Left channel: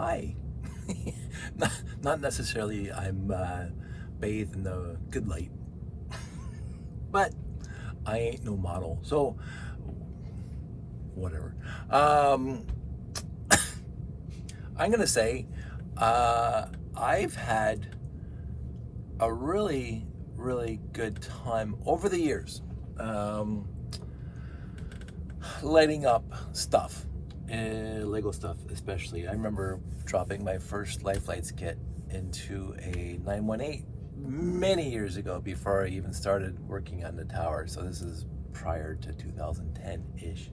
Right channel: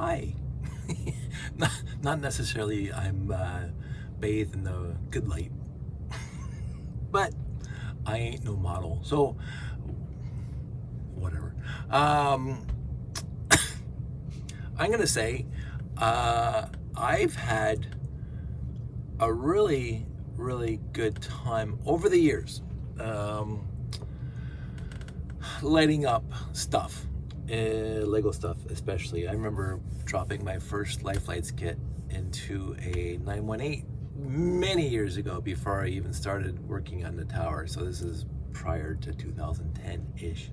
high. not, not necessarily I'm bathed in the good light, but I ain't no model, so whatever. I'm gonna say I've had a really, really good time over the years lighting up stuff, Lego stuff especially. I remember dropping my first Life Lights kit into a 918 many years ago before I even started working on the tower. So this is prior to 2010-ish,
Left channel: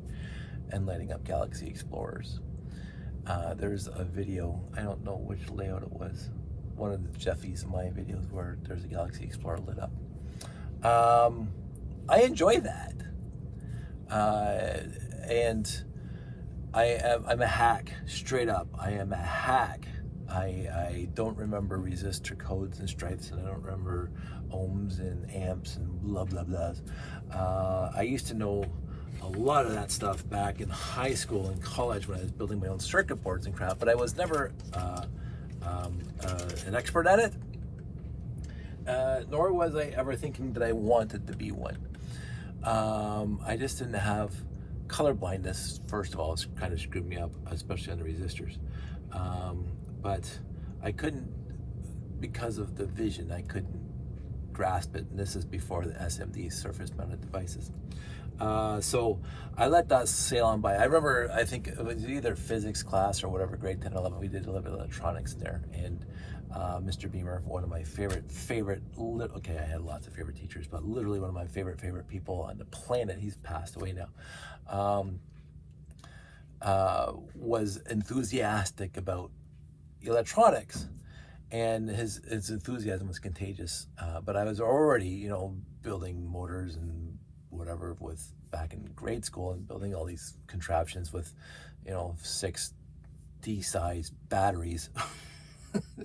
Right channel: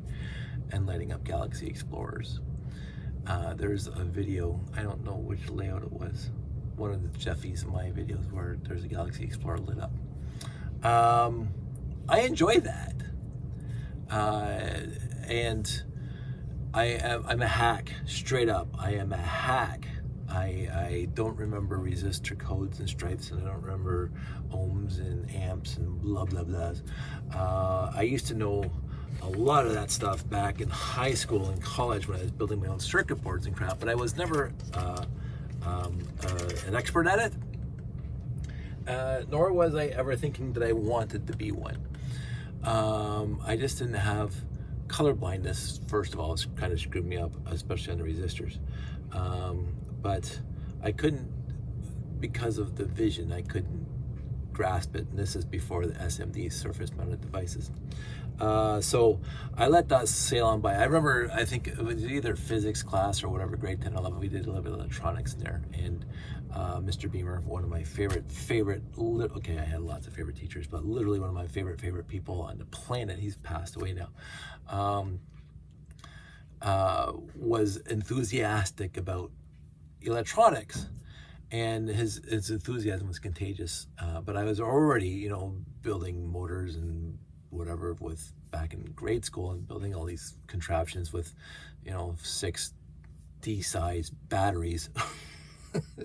and lighting up Galaxy Explorers. There's a video, I don't know which layout it was, one of the Jeffy's my videos where there's a Galaxy Explorer lit up. I enjoy that. And I'm a hack, straight up. I am a hack. I don't remember resistor codes and stripes, and I don't remember ohms and amps and blah blah blahs. I used to know a lot of that stuff back in high school and college when I was building my own circuit boards and crap, but I was never an expert at it, nor was I ever thinking that I wanted to be one. I just didn't have color blindness. First of all, it's kind of screwed me up, especially on the resistors. But I couldn't, because of the vision, I couldn't grasp it. And this is before the SMD, surface mounted devices. So I let that sail on by. I remember, I think it was either physics class or whatever, grade 10, 11, we did a little bit of electronics in there. And Mr. Beamer, one of my okay, I had lots of favorite teachers, but literally one of my favorite people on the planet, he's passed away now, was enthusiastic about electronics, and his enthusiasm was contagious. But I was already, building motors and whatever with back in grade school, and building all these contraptions with 6 D-size batteries.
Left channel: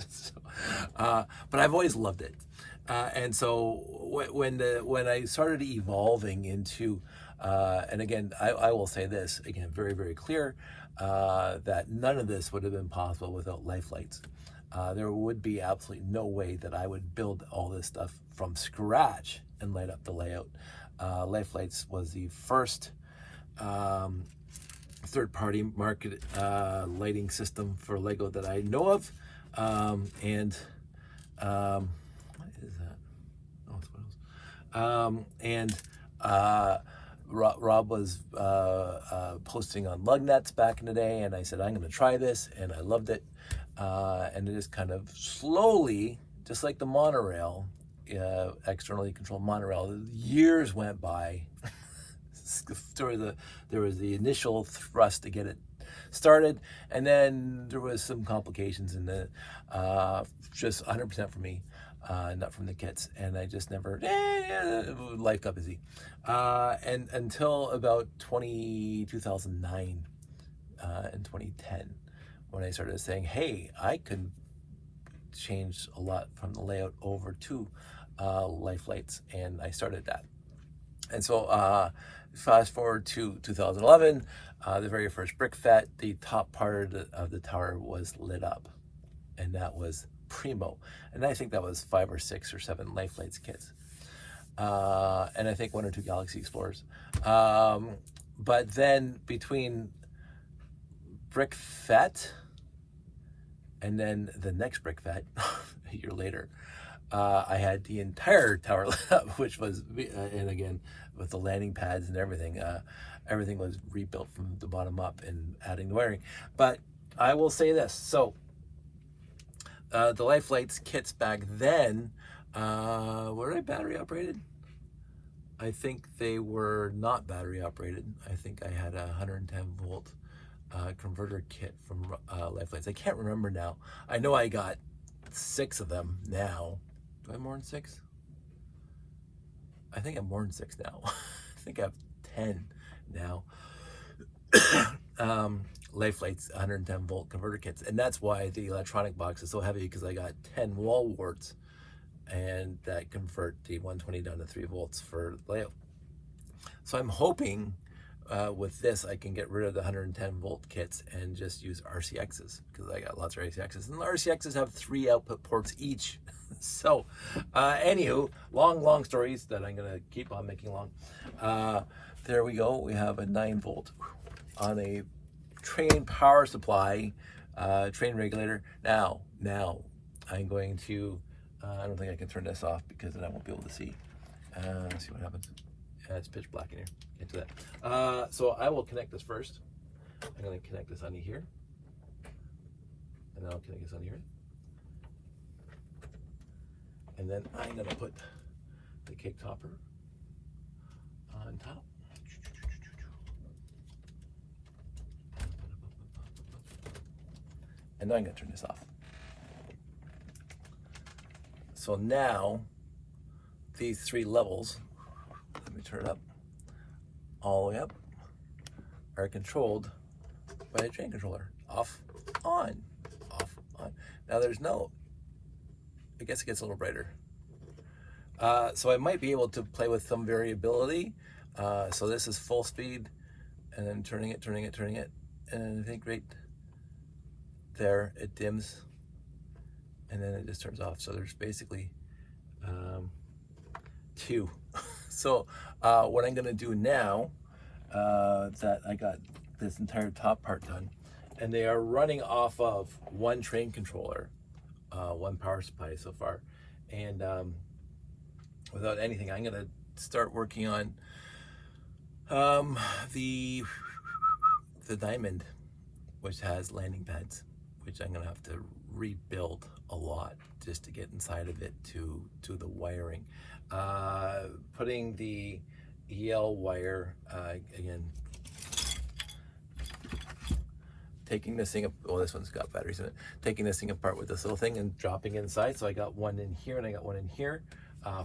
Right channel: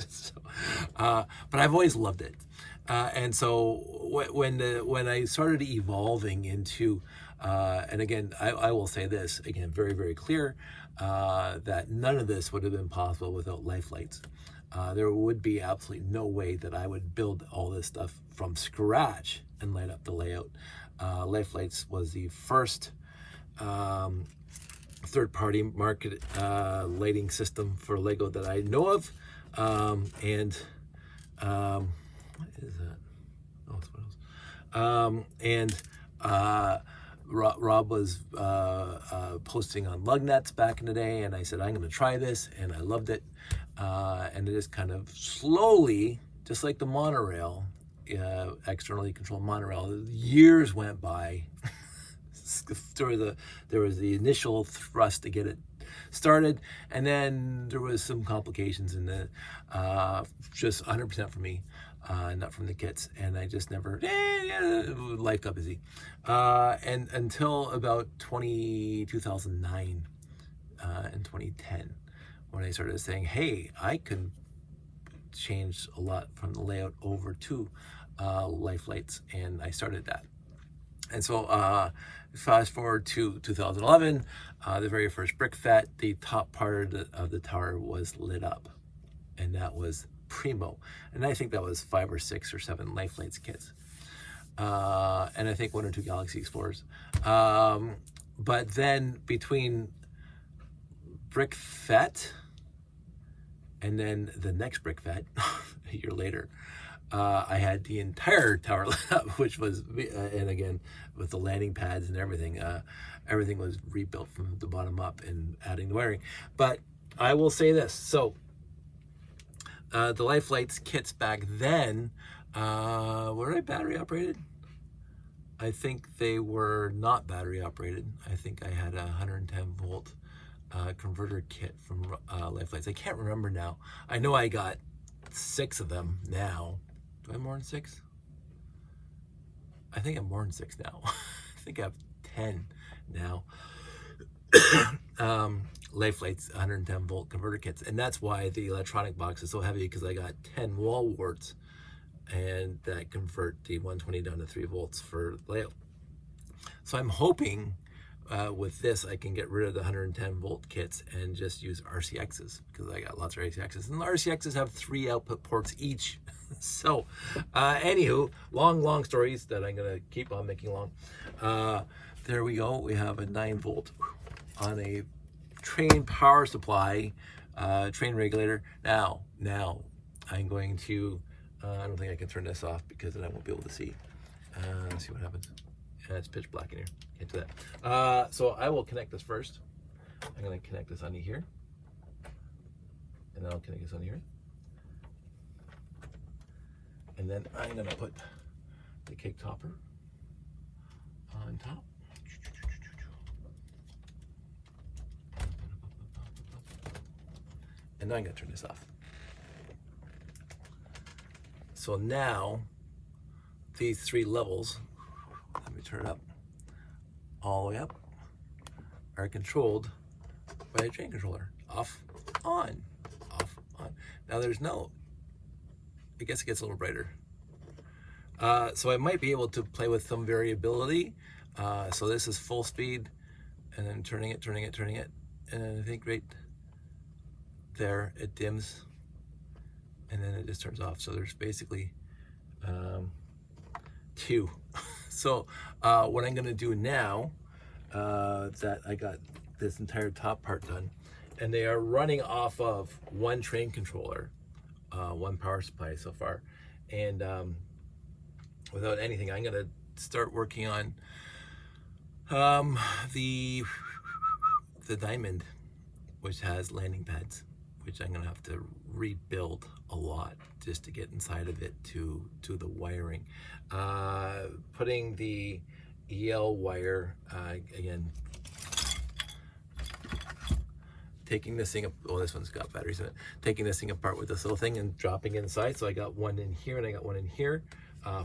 So, but I've always loved it, and so when I started evolving into and again, I will say this again, very, very clear, that none of this would have been possible without Life Lights. There would be absolutely no way that I would build all this stuff from scratch and light up the layout. Life Lights was the first third-party market lighting system for Lego that I know of. And what is that? Oh, it's what else. Rob was posting on Lugnets back in the day, and I said, I'm going to try this, and I loved it. And it just kind of slowly, just like the monorail, externally controlled monorail, years went by. There was the initial thrust to get it started, and then there was some complications in the just 100% for me, not from the kits, and I just never life got busy, and until about 2009 and 2010, when I started saying, hey, I could change a lot from the layout over to Life Lights, and I started that. And so fast forward to 2011, the very first brick fet, the top part of the tower was lit up, and that was primo. And I think that was 5 or 6 or 7 Life Lights kits, and I think 1 or 2 Galaxy Explorers. But then between brick fet and then the next brick fet a year later, I had the entire tower lit up, which was, and again, with the landing pads and everything, everything was rebuilt from the bottom up and adding the wiring. But I will say this, so the Life Lights kits back then, were they battery operated? I think they were not battery operated. I think I had a 110 volt converter kit from Life Lights. I can't remember now. I know I got 6 of them now. Do I have more than 6? I think I'm more than 6 now. I think I have 10 now. Life Lights 110 volt converter kits, and that's why the electronic box is so heavy, because I got 10 wall warts, and that convert the 120 down to 3 volts for layout. So I'm hoping with this, I can get rid of the 110 volt kits and just use RCXs, because I got lots of RCXs, and the RCXs have 3 output ports each. So, anywho, long stories that I'm gonna keep on making long. There we go. We have a 9 volt on a train power supply, train regulator. Now I'm going to. I don't think I can turn this off because then I won't be able to see. Let's see what happens. It's pitch black in here. Can't do that. So I will connect this first. I'm going to connect this onto here. And then I'll connect this onto here. And then I'm going to put the cake topper on top. And now I'm going to turn this off. So now these 3 levels, let me turn it up, all the way up, are controlled by the train controller. Off, on, off, on. Now there's no, I guess it gets a little brighter. So I might be able to play with some variability. So this is full speed, and then turning it, and I think right there it dims, and then it just turns off. So there's basically 2. So what I'm gonna do now, that I got this entire top part done, and they are running off of 1 train controller, 1 power supply so far, and without anything, I'm gonna start working on the diamond, which has landing pads, which I'm gonna have to rebuild a lot just to get inside of it to the wiring. Putting the EL wire, again, taking this thing up, oh, this one's got batteries in it, taking this thing apart with this little thing and dropping inside. So I got 1 in here and I got 1 in here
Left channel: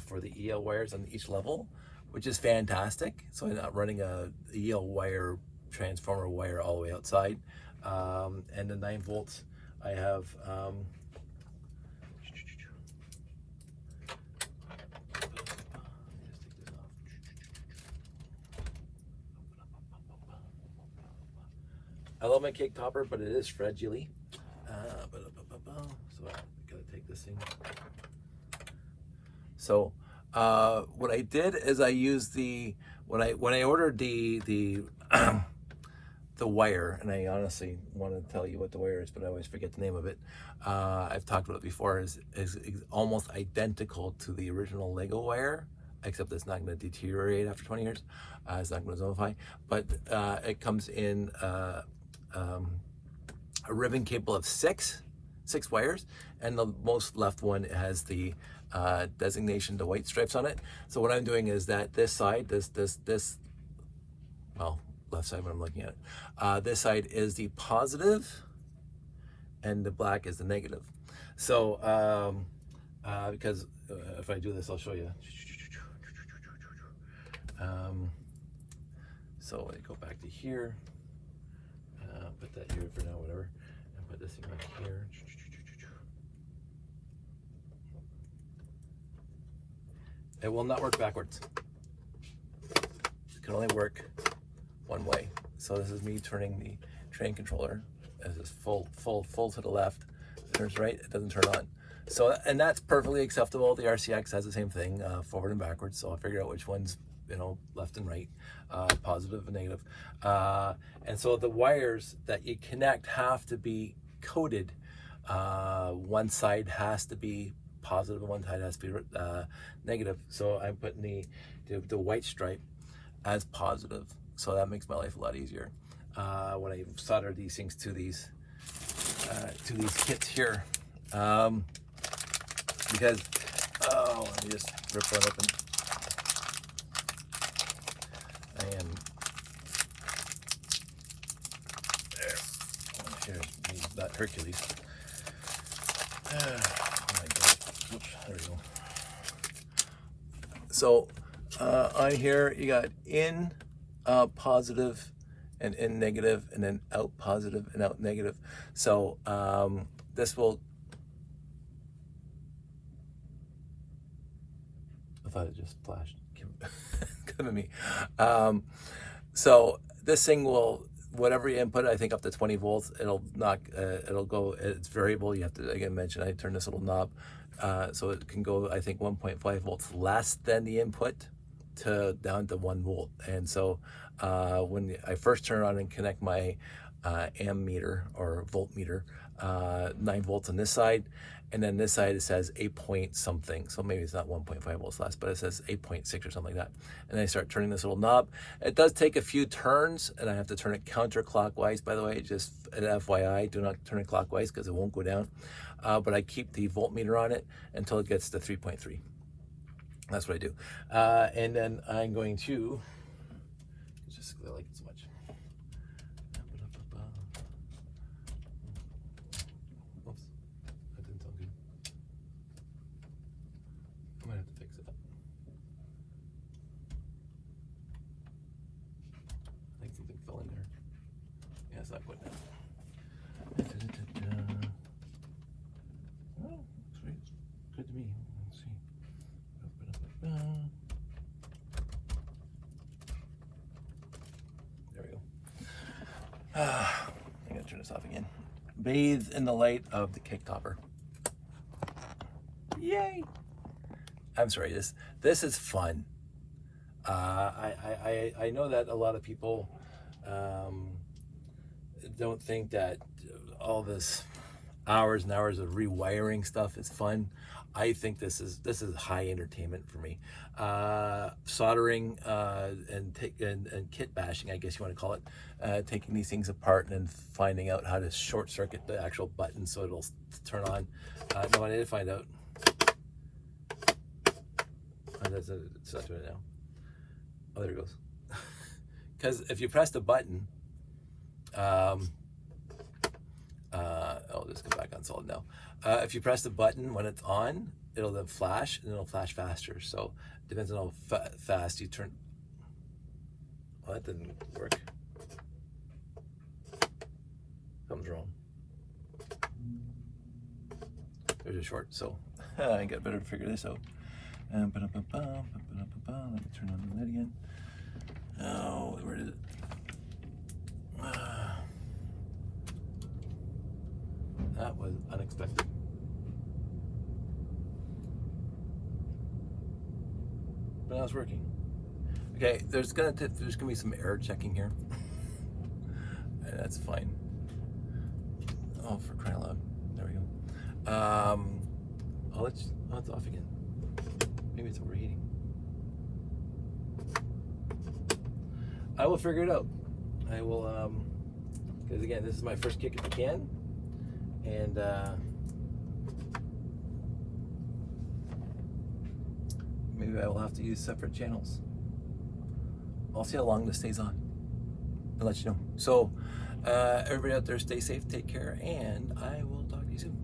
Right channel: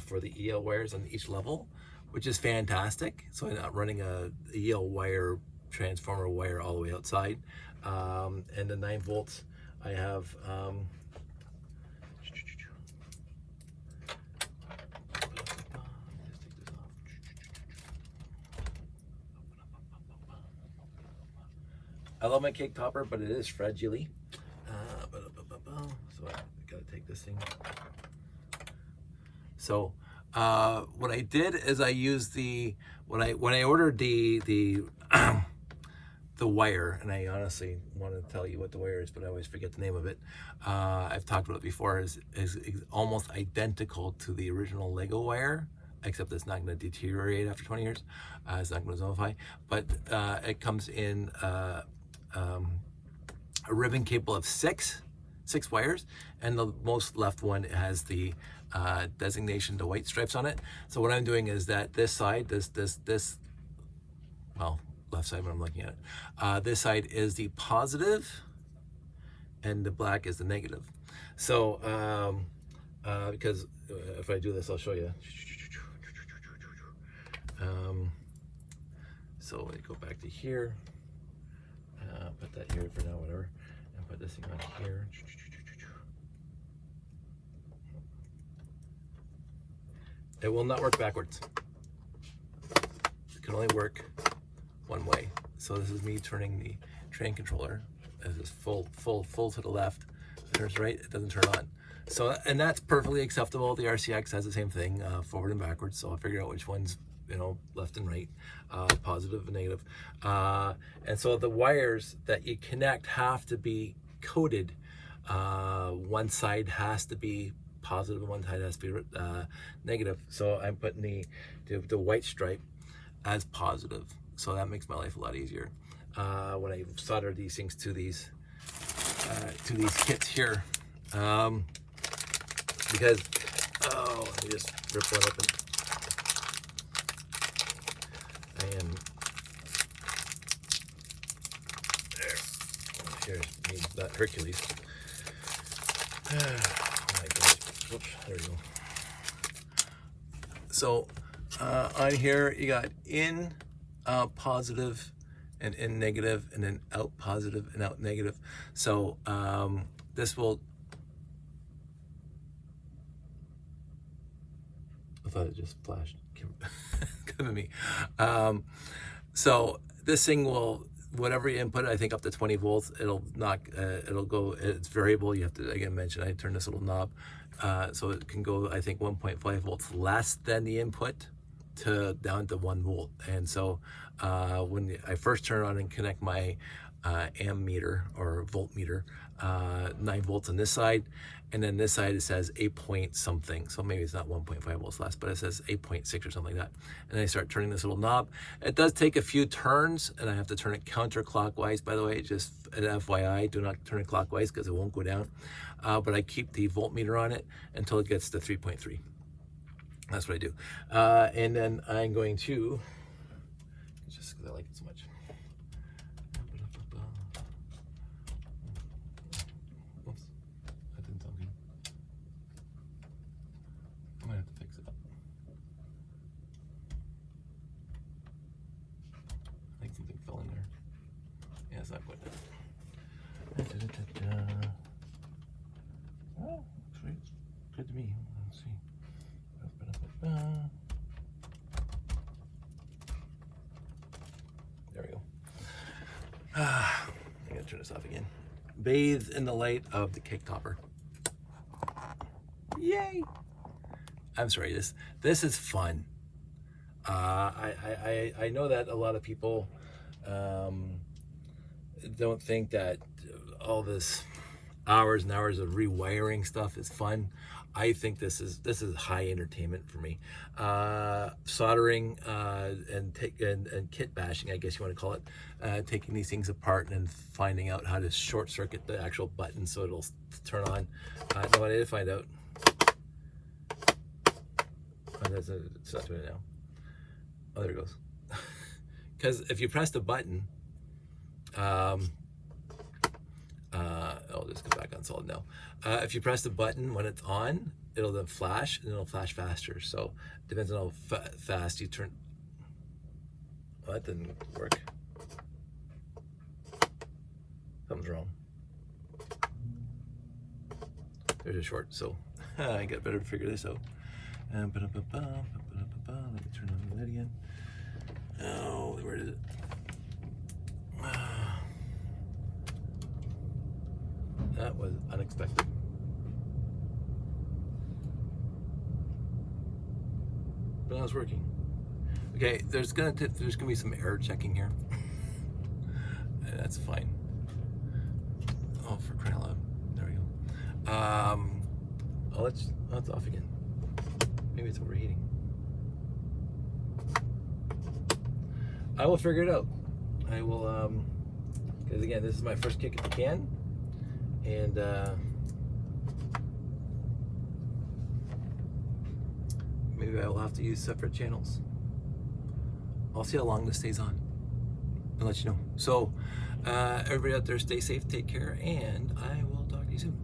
for the EL wires on each level, which is fantastic. So I'm not running a EL wire, transformer wire all the way outside. And the 9 volts, I have I love my cake topper, but it is fragile. So I gotta take this thing. So what I did is I used when I ordered the wire, and I honestly want to tell you what the wire is, but I always forget the name of it. I've talked about it before. Is almost identical to the original Lego wire, except it's not going to deteriorate after 20 years. It's not going to zonify, but it comes in a ribbon cable of six wires, and the most left one has the designation, the white stripes on it. So what I'm doing is that this side, well, left side when I'm looking at it, this side is the positive and the black is the negative. So because if I do this, I'll show you. So I go back to here, put that here for now, whatever, and put this thing on here. It will not work backwards. It can only work one way. So this is me turning the train controller as is full to the left. It turns right, it doesn't turn on. So, and that's perfectly acceptable. The RCX has the same thing, forward and backwards. So I'll figure out which one's, left and right, positive and negative. And so the wires that you connect have to be coded. One side has to be positive and one side has to be negative. So I'm putting the white stripe as positive. So that makes my life a lot easier when I solder these things to these kits here. Because, let me just rip one open. And here's me, not Hercules. Oh my goodness. Oops, there we go. So on here you got in positive and in negative, and then out positive and out negative. So this will, I thought it just flashed. Come at me. So this thing will, whatever you input, I think up to 20 volts, it'll knock, it'll go, it's variable. You have to, again, mention, I turn this little knob. So it can go, I think, 1.5 volts less than the input to down to 1 volt. And so when I first turn on and connect my amp meter or voltmeter, 9 volts on this side, and then this side it says 8 point something, so maybe it's not 1.5 volts less, but it says 8.6 or something like that. And I start turning this little knob. It does take a few turns, and I have to turn it counterclockwise, by the way, just an FYI, do not turn it clockwise because it won't go down. But I keep the voltmeter on it until it gets to 3.3. That's what I do. And then I'm going to, just because I like it so much. Oops, that didn't sound good. I might have to fix it up. I think something fell in there. Yeah, it's not going down. Oh, sweet. Good to me. Let's see. There we go. I gotta turn this off again. Bathe in the light of the kick topper. Yay! I'm sorry. This is fun. I know that a lot of people don't think that all this hours and hours of rewiring stuff is fun. I think this is high entertainment for me. Soldering and kit bashing, I guess you want to call it, taking these things apart and then finding out how to short circuit the actual button so it'll turn on. No, I did find out. Oh, it's not doing it now. Oh, there it goes. Because if you press the button, I'll just go back on solid now. If you press the button when it's on, it'll then flash, and it'll flash faster. So it depends on how fast you turn. Oh, that didn't work. Something's wrong. There's a short, so I got better to figure this out. Let me turn on the lid again. Oh, where is it? That was unexpected. But now it's working. Okay, there's gonna be some error checking here. That's fine. Oh, for crying out loud. There we go. Oh, it's off again. Maybe it's overheating. I will figure it out. I will, because again, this is my first kick at the can. And maybe I will have to use separate channels. I'll see how long this stays on. I'll let you know. So everybody out there, stay safe, take care, and I will talk to you soon.